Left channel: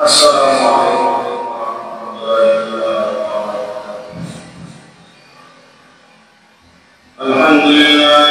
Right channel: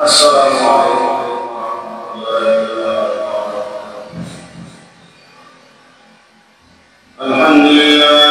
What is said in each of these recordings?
Assalamualaikum warahmatullahi wabarakatuh. Alhamdulillah.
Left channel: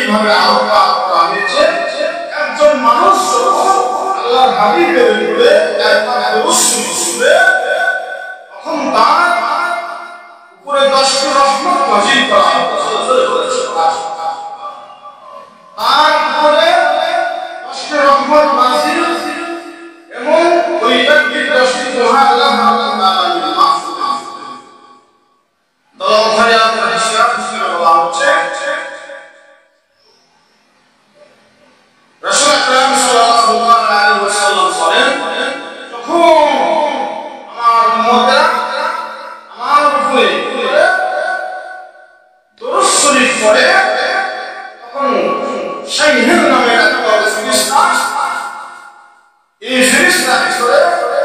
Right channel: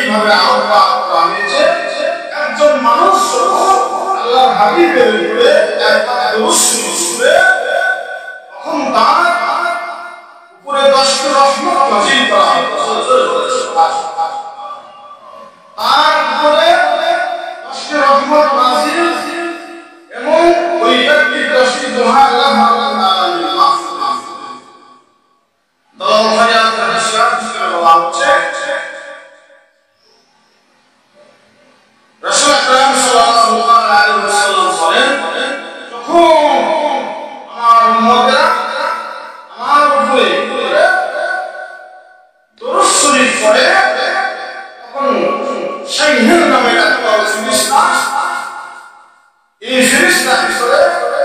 এইভাবে আলোকপাত করা হয়েছে একজন মানুষ আল্লাহর হাবিবের উপরে একবার দরুদ পড়বে তখন তার উপরে 10টি রহমত নাযিল করা হবে। তার উপরে 10টি রহমত নাযিল এবং ওই ব্যক্তির 10টি দোহা আল্লাহ রাব্বুল আলামিন মাফ করে দিবেন। দলাল ফারিয়াত হাদিসে বলা হচ্ছে রাসূল আকরাম সাল্লাল্লাহু আলাইহি ওয়াসাল্লাম বলেন, যখন আমার উম্মতেরা আমার উপরে দরুদ শরীফ পড়ে তখন শাইহিন নামে একটা ফেরেশতা, এই ফেরেশতা করে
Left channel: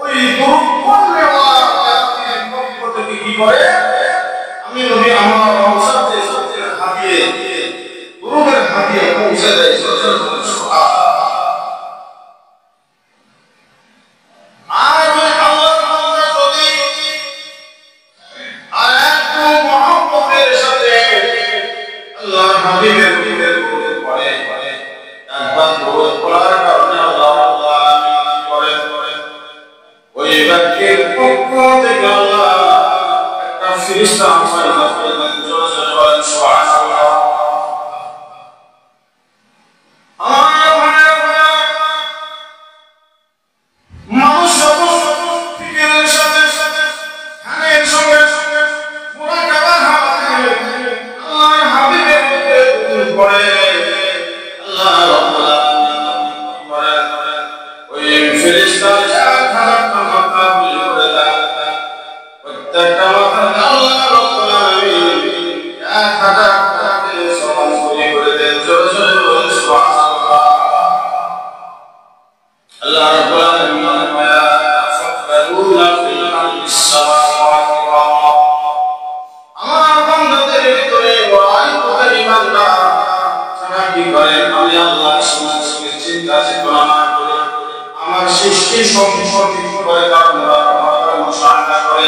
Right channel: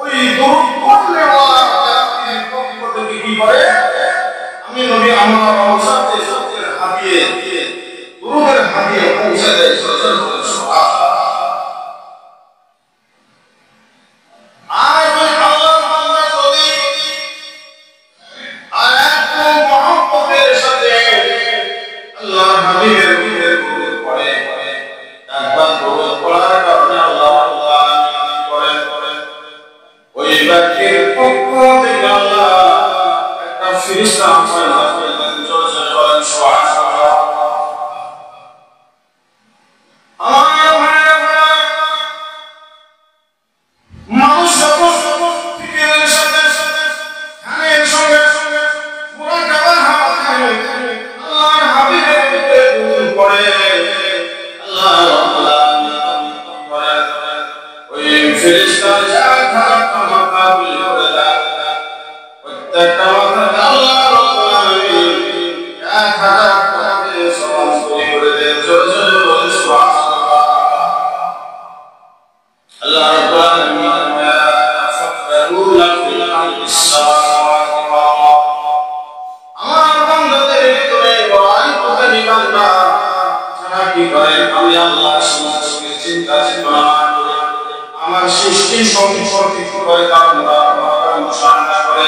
ওই দরুদ পড়লে আমার ব্যক্তির পক্ষ থেকে কি করে, আমি নবী আমার রওজাতে হাদিয়ে দরুদের হাদিয়ে পৌঁছে দেয়। আর ওই আল্লাহর বান্দা যদি আর একটু মহব্বতের সাথে আল্লাহর হাবিবের দরুদ পড়ে, একবার দরুদ পড়ার কারণে আল্লাহ রাব্বুল আলামিন করেন ওই ব্যক্তির পক্ষ থেকে আল্লাহ একটা ফেরেশতা পয়দা করে দেন। জোরে বলেন সুবহানাল্লাহ। আমার ভাইরা, মানুষ যখন ফিকিরের সাথে ধ্যানের সঙ্গে মুরাকাবার হাতে আল্লাহর হাবিবের দরুদ পড়ে, আল্লাহ রাব্বুল আলামিন করেন ওই ফেরেশতা একটা মাথা গুলি করে দেন। প্রত্যেকটা মাথা আল্লাহ রাব্বুল আলামিন 1000 টাকাতে সমান করে দেন। জোরে জোরে বলেন সুবহানাল্লাহ। আল্লাহ রাব্বুল আলামিন আমার বান্দাদের ভিতরে বান্দা যারা কি করে, আমি আল্লাহ সম্পর্কে চিন্তা চেতনা না করে আমার সৃষ্টি সম্পর্কে কি করে তার মুশাহাদা করে,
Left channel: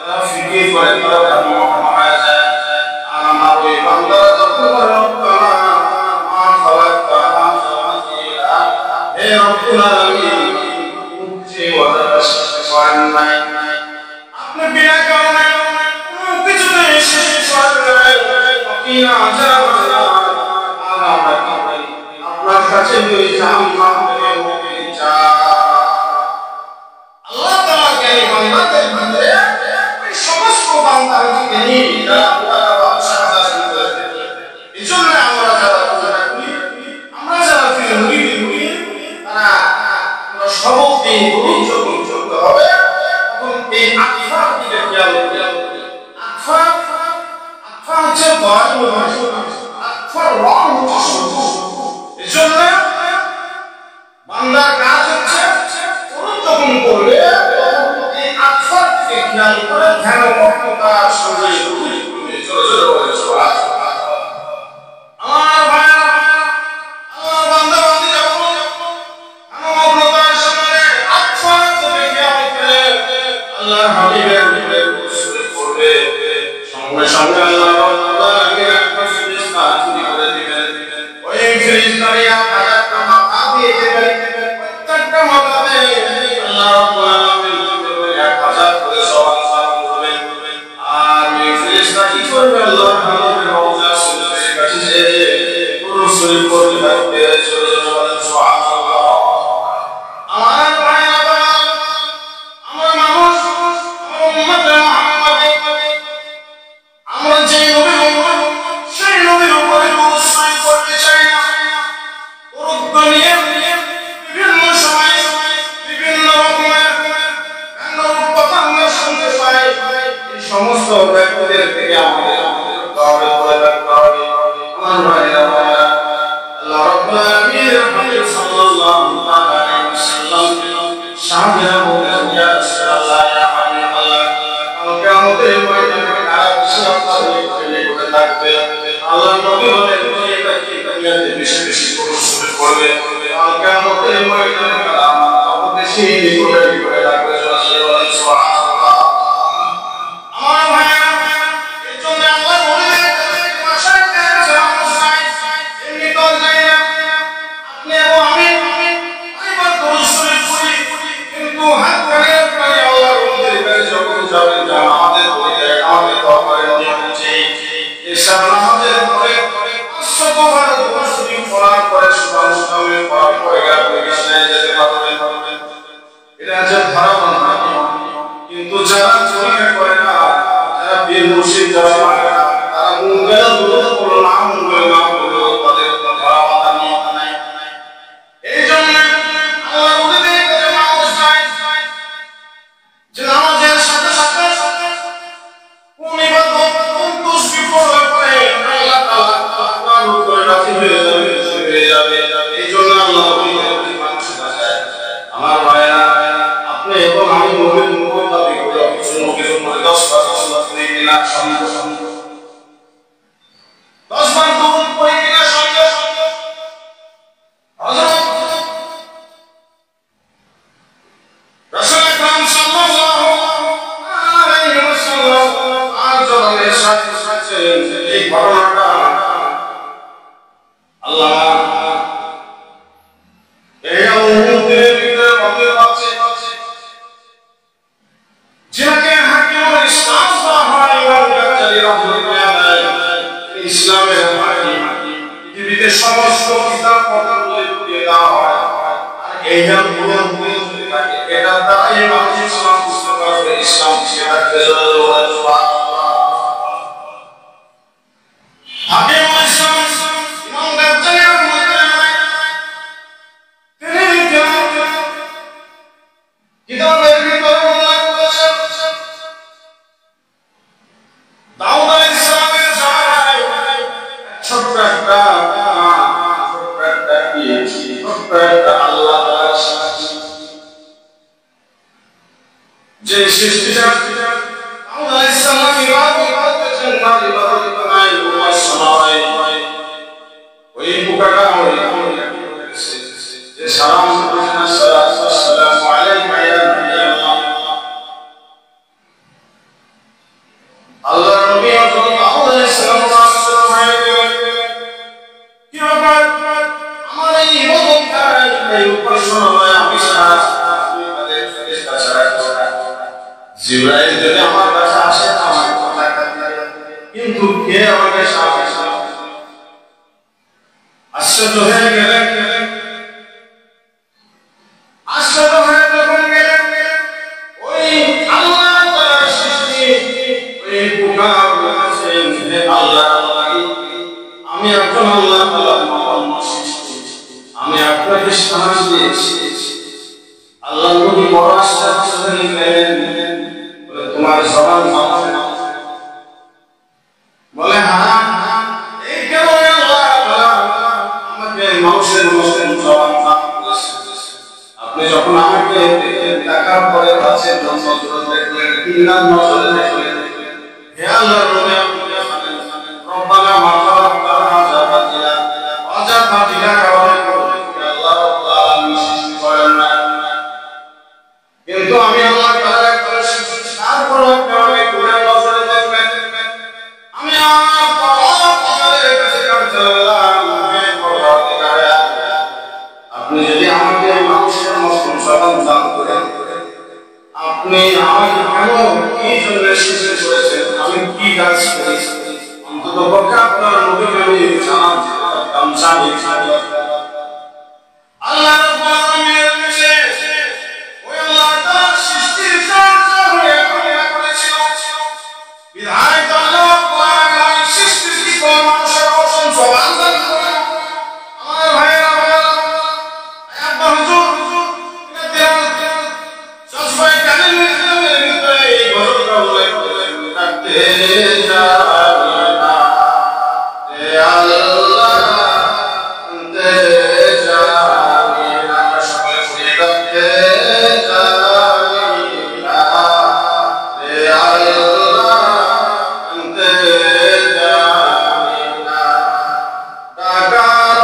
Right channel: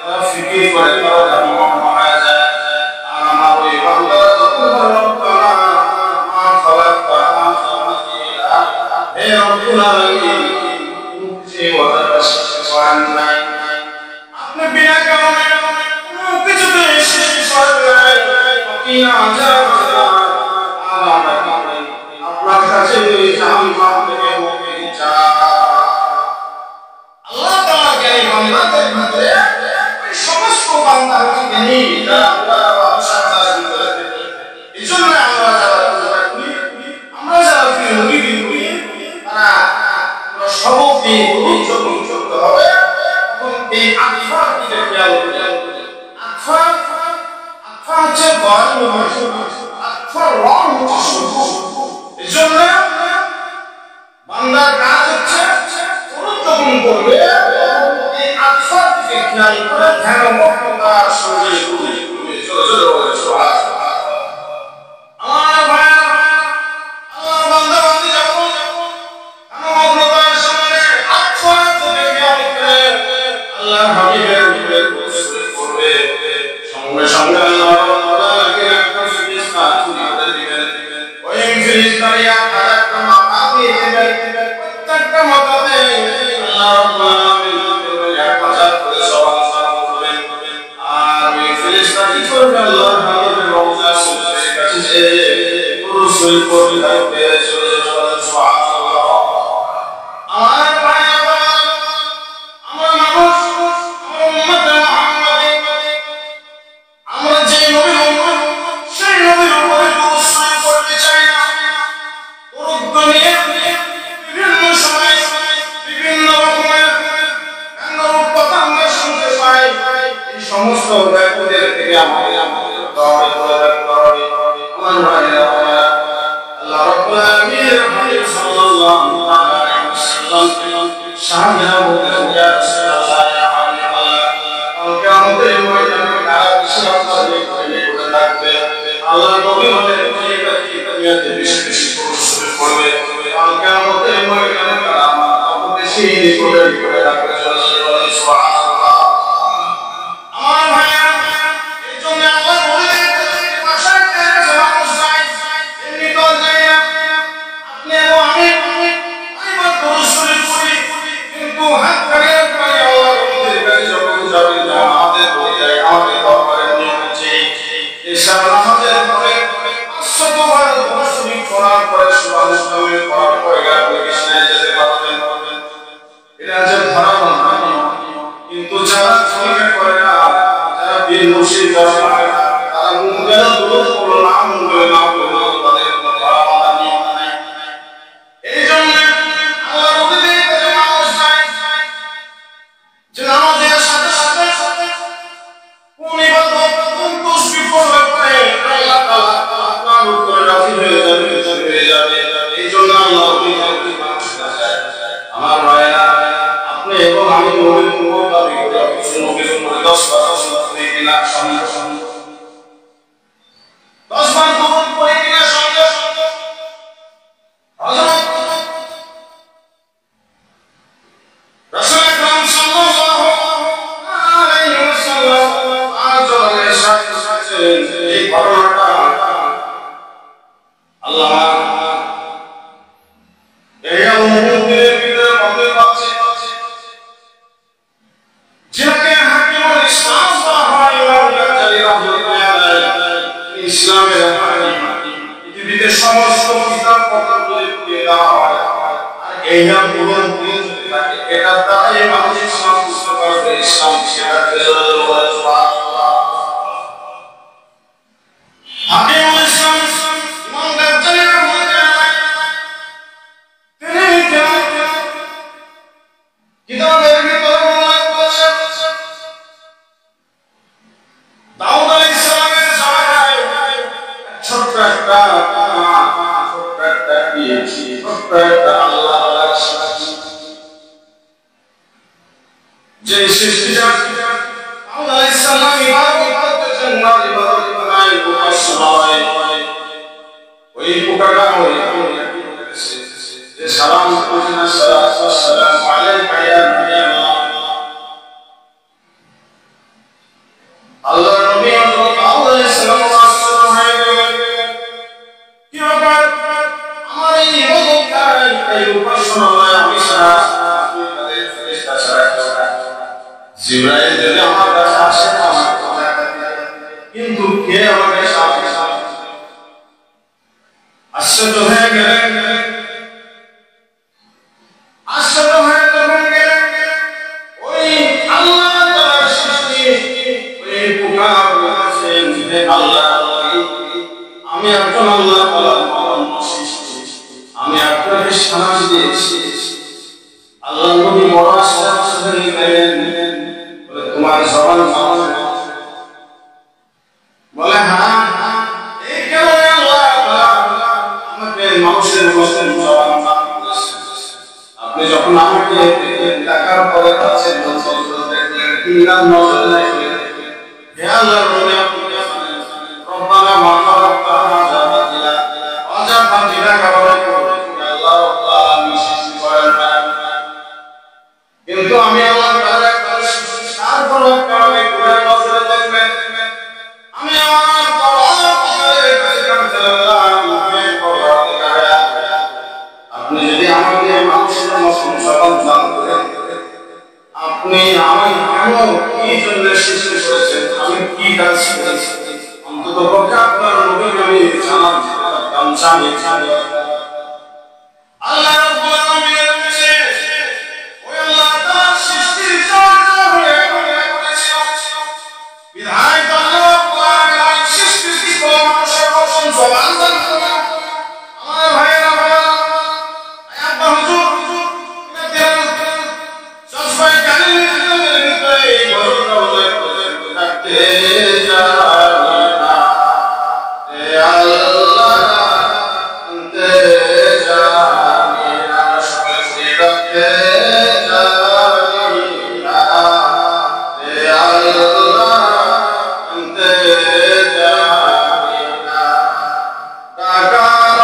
তারা ফিকির করে, তারা ধ্যানমগ্ন হয়ে যায়। আর আমার ওই বান্দারা যখন বলে রব্বানা মা খালাকতা হাযা বাতিলা, হে রব্বুল আলামিন মুক্তি ওয়াদার সাথে করেন নাই, আপনি বিনা কারণে কোনো কিছুতে সৃষ্টি করেন নাই, কিনা যাওয়া আর আমরা আপনার কাছে ওই জাহান্নাম থেকে মুক্তি চাই। আল্লাহ তাআলা জ্ঞানী বান্দাদের ভিতরে ওই সমস্ত বান্দার জ্ঞানী এইজন্য আমরা যারা পূজা করি, আমরা যারা প্রিয় নবীকে করি, তারা আমরা সবক দিয়ে দরুদ যখন চলতে হবে তখন এই আতফার দিকে খেয়াল করি। আতফা হচ্ছে আতফার রং হচ্ছে এইজন্য বান্দার কাজ হচ্ছে দরুদ যখন পড়বে এই আতফার দিকে খেয়াল করে ধ্যানমগ্নতার সঙ্গে দরুদ পড়বে। জোরে জোরে বলেন সুবহানাল্লাহ। আমার ভাইরা, আল্লাহর বান্দা বান্দি যখন ধ্যানমগ্নতার সঙ্গে আতফার দিকে খেয়াল করে আল্লাহর হাবিবের উপরে দরুদ শরীফ পড়বে, সঙ্গে সঙ্গে আল্লাহ রাব্বুল আলামিন একটা ফেরেশতা তৈরি করে দিবেন। ওই ফেরেশতারই 1000টা মাথা দিয়ে দেবেন, প্রত্যেকটা মাথাতে আল্লাহ রাব্বুল আলামিন 1000 করে সওয়াল করবেন। আর ওই ফেরেশতা কি করবে, আল্লাহর হাবিবের রওজা শরীফের কাছে যে দরুদ শরীফ পড়তে থাকবে। সুবহানাল্লাহ। আমার ভাইরা, আমরা মানুষ, আমরা উম্মত মুহাম্মাদী, আমরা যে নবীর উম্মত সেই নবীর উপরে দরুদ শরীফ পড়তে চাই না। দরুদ নিয়ে বিভিন্ন সময় বিভিন্ন রকমের ব্যঙ্গাত্মক কথা আমরা শুনতে পাই। এই সমস্ত ব্যক্তিদের থেকে আমাদের দূরে থাকতে হবে। আমার ভাইরা, আল্লাহ রাব্বুল আলামিনের হাবিব সাল্লাল্লাহু আলাইহি ওয়াসাল্লাম সাহাবীরা বলতেন, ইয়া রাসূলুল্লাহ, ইয়া হাবিবাল্লাহ, কাল কিয়ামতের ময়দানে কারা বেশি আপনাদের প্রেমে পড়ে থাকবে? আল্লাহ নবী বলেন, যে ব্যক্তি দুনিয়াতে বেশি বেশি দরুদ শরীফ পড়বে, কাল কিয়ামতের ময়দানে কারা আমার বেশি নিকটে পড়ে থাকবে। জোরে বলেন সুবহানাল্লাহ। আমার ভাইরা, এই জন্য আল্লাহ বলে দেন, বাসায় কাছে মানুষ নাই, এমনি তো যায় না। আপনি এবং আমি সেখানে যেতে পারবেন। এটা যে ধরা বন্ধা, কিন্তু যারা পরীক্ষা করে না, যারা বীর মুর্শিদ যারা মানে না, তারা মন গেল দূরত করলো না, মন গেল না করলো, তাদের কোনো ধরা বাঁধা নিয়ম নাই। এই জন্য আল্লাহ নবী করে মানুষ চায় যে নামাজের সাথে সাথে কোন ইবাদত কোন তাসবিহ পড়লে পরে আল্লাহ তাআলা আপনার উপরে রাজি হয়ে যাবে। এই জন্য আল্লাহ নবী মানুষ চায় আমার ভাইরা, আপনি এবং আমি নবীর উম্মত দাবি করি, কিছু নবীর উম্মত 10 বার সাল্লাল্লাহু আলাইহি কিনা সঙ্গে 10 বার দরুদ পড়ি কিনা সঙ্গে হযরত রাসূল আকরাম সাল্লাল্লাহু আলাইহি ওয়াসাল্লাম আজকে সাথে এই ঘটনাটা আল্লাহ এই উম্মতের ভিতরে বলতে পারছে যাকে হাকিমুল ইসলাম বলা হয়, ইমাম গাজ্জালী রাহমাতুল্লাহ আলাইহি ইসলামের হাকিম, পৃথিবীতে সমস্ত কিতাব পত্র দিয়ে দেওয়া হয় আর এইটা পুরো থাকে, এটা দ্বারাই মানুষ ইসলাম বুঝতে পারবে, ইসলাম ঠিক রাখতে হাকিমুল ইসলাম ইমাম গাজ্জালী রাহমাতুল্লাহ আলাইহি তিনি কিতাবের ভিতরে উল্লেখ করেছেন দাউদ আলাইহিস সালামের জামানায় ছোট্ট একটা আল্লাহ তাআলার সাথে যে সৃষ্টিটা দাউদ আলাইহিস সালাম ইবাদত করতেন, না ইবাদত বানাই উপাসনায় ওই পোকাটা ওই যে সালাম করেছেন আসসালামু আলাইকা ইয়া নবী আল্লাহর নবী হযরত দাউদ আলাইহিস সালাম রাসূল হয়ে গেলেন। কি ব্যাপার, আমার এই ইবাদতটা এই উপাসনায় আমি সারা আপনাদের ফেরেশতা ছাড়া জিবরাইল যদি আমার কাছে আসে না আমার কথা কিন্তু কে আমার কাছে আসে না, আশ্চর্য হয়ে গেলেন। আশ্চর্য হয়ে তখন গেলেন ওই আল্লাহ তাআলার সৃষ্টি ওই পোকা বলেছেন, হে আল্লাহ আমি একজন আল্লাহ তাআলার মানব সৃষ্টি, আমি আপনাকে সালাম দিয়েছি। আল্লাহ নবী বড় আশ্চর্য হয়ে গেলেন, বলে তোমার জবান মানুষ বলে হ্যাঁ, এই কারণে আল্লাহ তাআলা আমাকে মানুষের মতন জবান দান করেছেন। আপনি যখন আমাকে দেখার পরে কাছে নজর দেখলেন, তিন নজর দেখলেন, হে আল্লাহর নবী আপনি জানেন রব্বানা মা খালাকতা হাযা বাতিলা ওয়াজা বাতিলা কারণে আল্লাহ রাব্বুল আলামিন সৃষ্টি করেন না, কিন্তু আমি আল্লাহ তাআলা একটা সৃষ্টি তারপর কারণে গুনাহ নজরে দেখবেন, আমি আমার পরওয়ারদিগারের কাছে কাঁদতে লাগলাম, হে পরওয়ারদিগার আপনি যদি আমাকে মানুষের মতন জবান দান করেন, আপনি আমাকে কেন কি জন্য সৃষ্টি করেছেন, আমি কি কাজ করেছি, অন্তত পক্ষে আপনার নবীকে আমি জানি। আল্লাহ রাব্বুল আলামিনের কাছে ওই আল্লাহ তাআলার সৃষ্টির চর্চা হয়ে করেছিল, বিধায় আল্লাহ রাব্বুল আলামিন সৃষ্টির কি কোন মানুষের মতন জবান দান করেন। আমার ভাইয়েরা হুজুর এটা দেওয়া সবাই জানেন ইসলামের ভিতরে এই ঘটনা উল্লেখ করেছেন, রাখতে জানি না হে আল্লাহ আনতে জানি না, সকলে পড়ে রাখতে জানি না হে আল্লাহ আনতে জানি না, ডাকার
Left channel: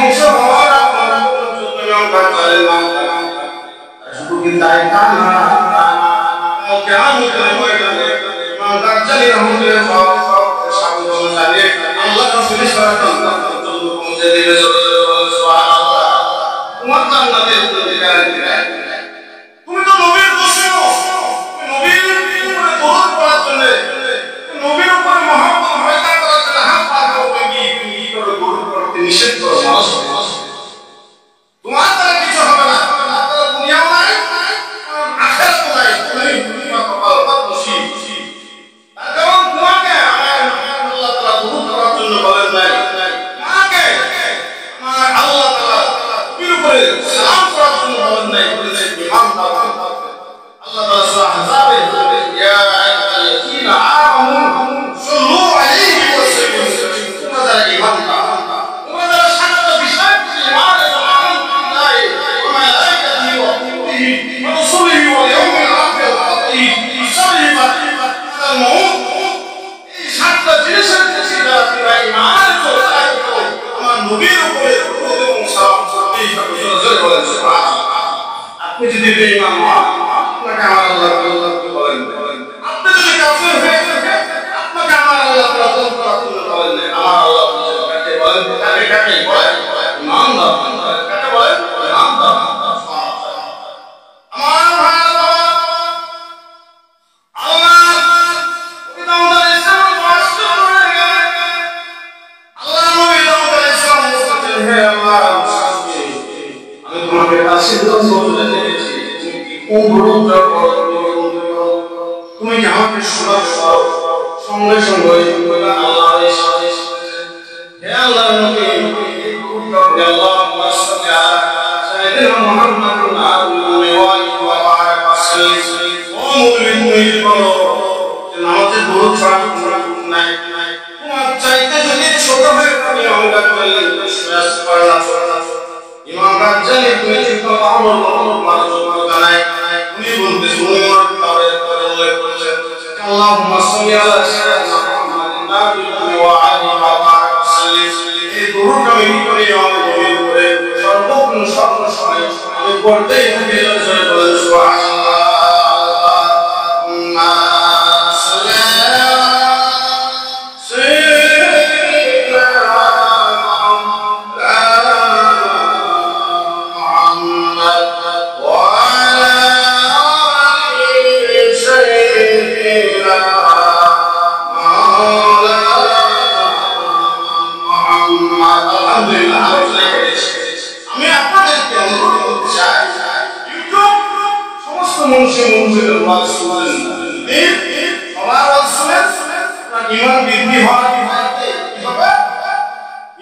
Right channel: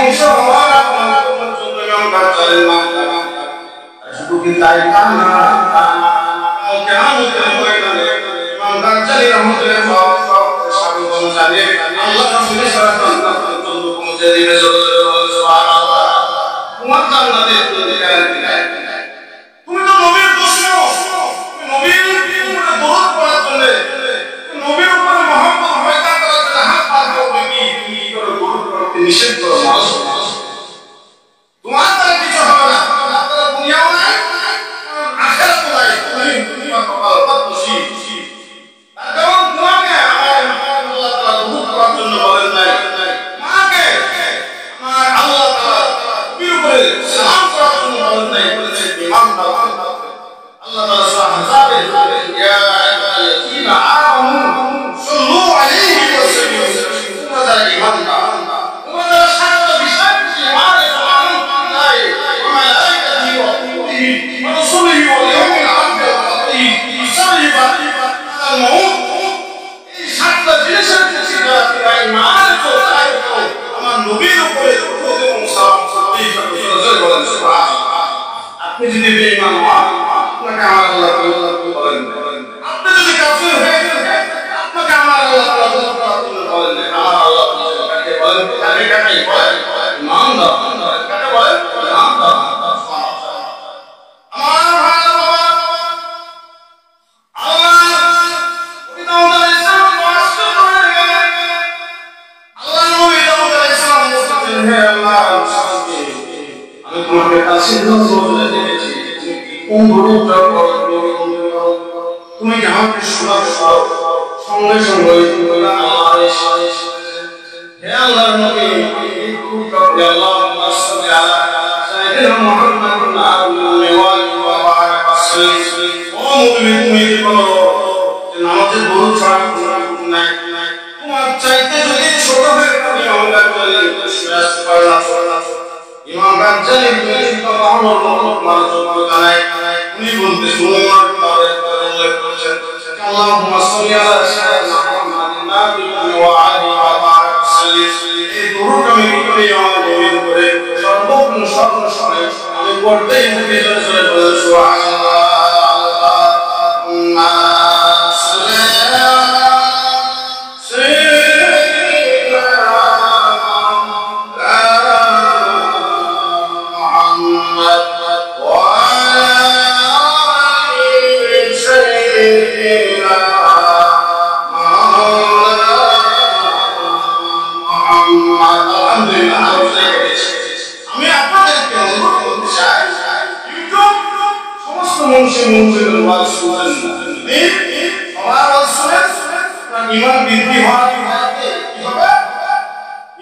ধ্বংস হওয়ার ইমাম গাজ্জালের নাম শুধু কি তাই তা না, কিয়ামতের ময়দানে ইমাম গাজ্জালী রাহমাতুল্লাহ সাবধান জানিয়ে আল্লাহ রাসূলের সাল্লাল্লাহু পৌঁছে দিবে। সুবহানাল্লাহ। তোমার জান্নাতের গ্যারান্টি নাই। তুমি তো নবীর দুশমন, নবীর উপরে দরুদ পড়ার জন্য, নবীর উপরে মহব্বত পয়দা করার জন্য হাত পা করবে কি তুমি কি করে দরুদ পড়তে নিষেধ করো? তোমার দ্বারা কিছু হবে না, তোমার দ্বারা দুনিয়াও নাই আখিরাতও নাই, তুমি কপাল পাত নসিব। তার কারণ তোমাকে আল্লাহ তাআলা দরুদ পড়ার জন্য বলেন নাই, মাকে আমার আল্লাহ তাআলা নবীর উপরে সালাম করার জন্য বলেন নাই, বলেছেন ইমানদার। আল্লাহ তাআলা সূরা আহজাবে বলেন ইয়া আইয়ুহাল্লাযীনা আমানু সাল্লু আলাইহি ওয়া সাল্লিমু তাসলিমা। তোমরা যারা ঈমানদার, তোমরা যারা সাতটা বিষয় ঈমান আনয়ন বিল্লাহি ওয়া মালাইকাতিহি ওয়া কুতুবিহি ওয়া রাসূলিহি ওয়াল ইয়াউমিল আখির ওয়া কদরিহি ওয়া শাররিহি ওয়াল মাউত, এই সাতটা জিনিসের প্রতি যারা তোমরা ঈমান আনছো তারা আমার নবীর উপরে দরুদ এবং সালাম করতেই থাকো। জোরে বলেন সুবহানাল্লাহ। আপনি যদি বেঈমান হন আপনাকে আমার আল্লাহ তাআলা বলেন, আপনি যদি কাফির হয়ে যান আপনাকে আমার আল্লাহ তাআলা বলেন না। আমার আল্লাহ কাকে বলেন? কাকে বলেন? ইমানদার। কাকে বলেন? ইমানদার। আমার ভাই বাবা, আল্লাহ নবী দাউদ আলাইহিস সালাম মাসুদ হয়ে গেলেন। আল্লাহ নবী দাউদ আলাইহিস সালাম বলতেন, হে আল্লাহ আমি তোমাকে কাছে নজরে দেখেছি, কোন দরুদটা পড়ো, তুমি কি আমাকে শোনাবে? সঙ্গে সঙ্গে আল্লাহ হে আল্লাহর নবী এই দরুদটা পড়ে আল্লাহুম্মা সাল্লি আলা সাইয়্যিদিনা মুহাম্মাদিন ওয়া আলিহি ওয়া বারাক ওয়াসাল্লিম। ও মুমিন তুমি কি বলো যে নামাজে দরুদ ছাড়া কোনো কিছু নাই? তোমার চাইতে যদি ছোট হয়ে তুমি আমার জন্য শুনে আসতে পারো না। ইমাম গাজ্জালী তুমি চিন্তা ভাবনার মতো তোমার যোগ্যতা নাই। উনি বলতে শুনুন তাদের উল্লেখ করেছেন আল্লাহুম্মা সাল্লি আলা সাইয়্যিদিনা মুহাম্মাদিন ওয়া আলিহি ওয়া বারাক ওয়াসাল্লিম। এই দরুদ আমি কি করি আমার নবীর উপরে সর্বক্ষণ সর্বসময় আমি পড়তেই থাকি। জোরে বলেন সুবহানাল্লাহ। আল্লাহুম্মা সাল্লি আলা ইমান বৃদ্ধি হওয়ার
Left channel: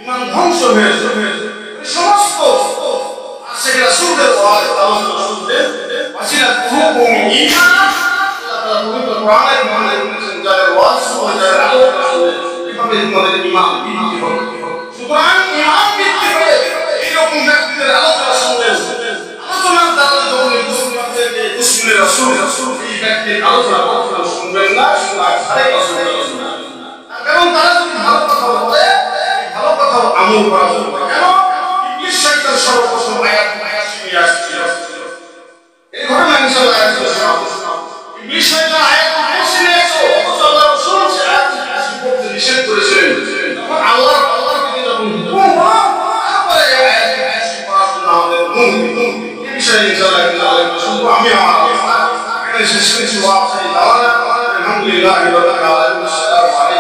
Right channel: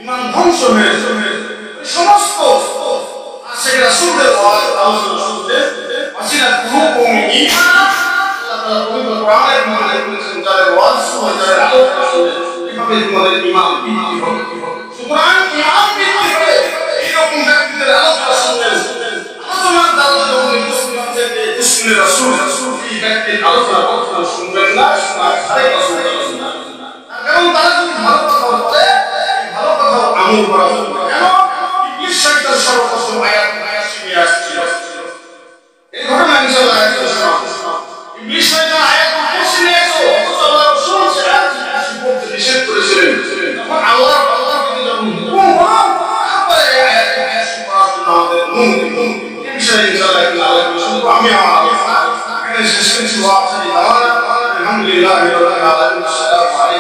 ইমান ধ্বংস হয়েছে সমস্ত আশিক রাসূলের ওয়াজ আলোচনা শুনতে ওয়াসিলা কুলুবুহুম ঈমান। আল্লাহ তাআলা পবিত্র কোরআনের মধ্যে বলেছেন যাদের ওয়াজ শুনে যাদের আলোচনা শুনে এভাবে তোমাদের ঈমান বৃদ্ধি হবে। সুতরাং ঈমান বৃদ্ধি হবে এইরকম ব্যক্তিদের আলোচনা শুনবেন। আলোচনার দ্বারা যখন কুসুলের রাসূল এই ব্যক্তির আলোচনা শুনবেন না, শোনার ধারে কাছে যাবেন না। কারণ তারা যদি ভালো কথা বলে ভালো কথা আমল করা যাবে। কেন? ইবলিস শয়তান সর্বপ্রথম আয়াত শুনিয়ে আসছিল। এই ঘটনা ইনশাআল্লাহ আয়াত শোনাবো। ইবলিস শয়তান আয়াত পড়ছে নিয়েছো অথচ আল্লাহ রাসূল সে আয়াত পড়তে নিষেধ করেছিলেন। তখন আল্লাহকে যখন হুকুম হলো তারপরে আয়াত পড়ার জন্য আমাদের অনুমতি। এই বিষয়ে ইনশাআল্লাহ আলোচনা শুনবো। আমি আমার এখানে শেষ করেছি। ওয়াক্তি দাওয়ানা আলহামদুলিল্লাহি রাব্বিল আলামিন। আসসালামু আলাইকুম।